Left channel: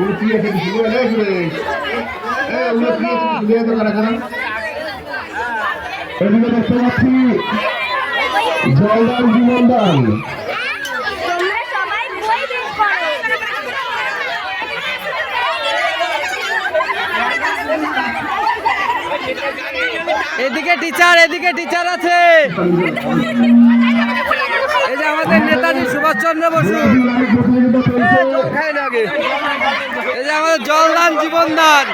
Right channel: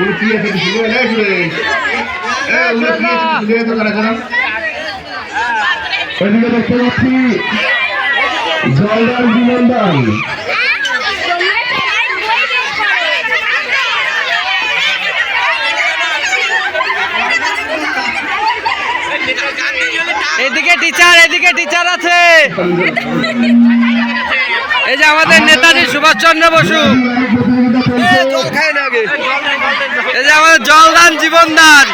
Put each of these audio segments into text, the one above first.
উনি কি আছে কিছু বলে এই সুরেশ এই উনি কি আছে কিছু দিয়ে তো কারা কারা এদিকে দেখতে পাচ্ছি জলদার এদিকে টিচার এদিকে টিচার আছে। এই যে আমাদের নেতাজি সুভাষচন্দ্র বসু। যে আমাদের জলদান জীবনদান।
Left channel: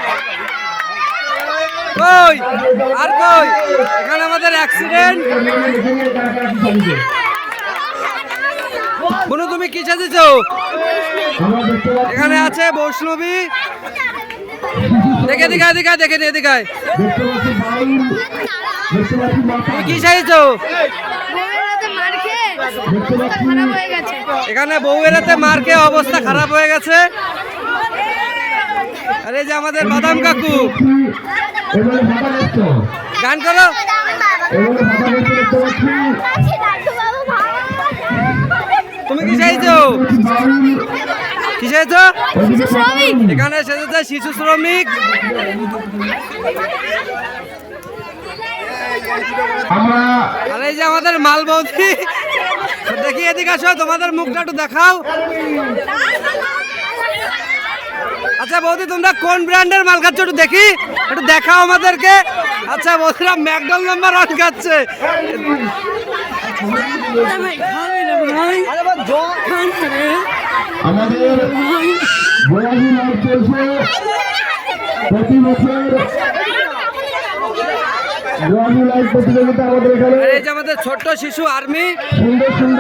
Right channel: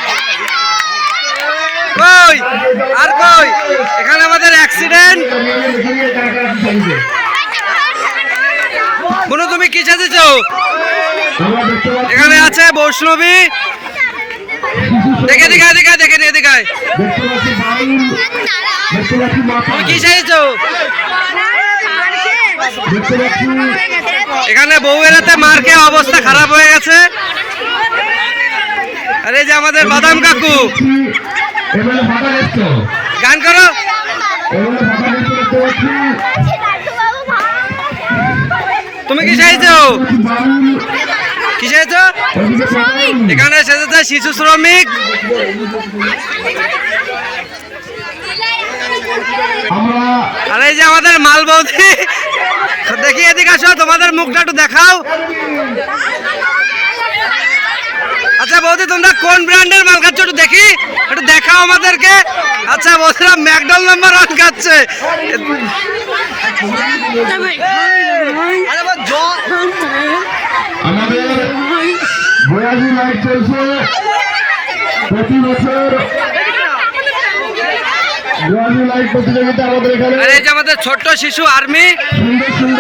কই? আর কই? এখানে আমাদের অ্যাক্সিডেন্ট কোনো তুমি কি সাজেছো? এখানে আছে বৈষ্ণবী। দেখে দিঘায় দিঘায় দেখে নিয়ে তুমি কি সাজেছো? এখানে বউয়েরাতে মার খেয়ে অবস্থা খারাপ হয়ে গেছে। এই যে আমাদের বাদাম কাকু। গান করো। তুমি কি চাইছো? কি চাইছো? এখানে সেজেছে শিশু শ্রমিক। আর এই যে আমাদের মাল বৌদি দেখি এদিকে আসো তোমাদের মুখটা একটু দেখাও। আচ্ছা বৌদি তোমরা কোন ব্র্যান্ডের মাল খাচ্ছ একটু দেখি। একটু দেখাও আমাদেরকে। আচ্ছা বৌদিরা ম্যাকডল নাম্বার ওয়ান খাচ্ছে। আমাদের বয়াজি লাইট চলছে। প্রতি বছর বয়াজি লাইট প্রতিযোগিতা আমাদের এখানে। এই যে আমাদের ছোট্ট শিশু আর্মি। সুন্দর সুন্দর।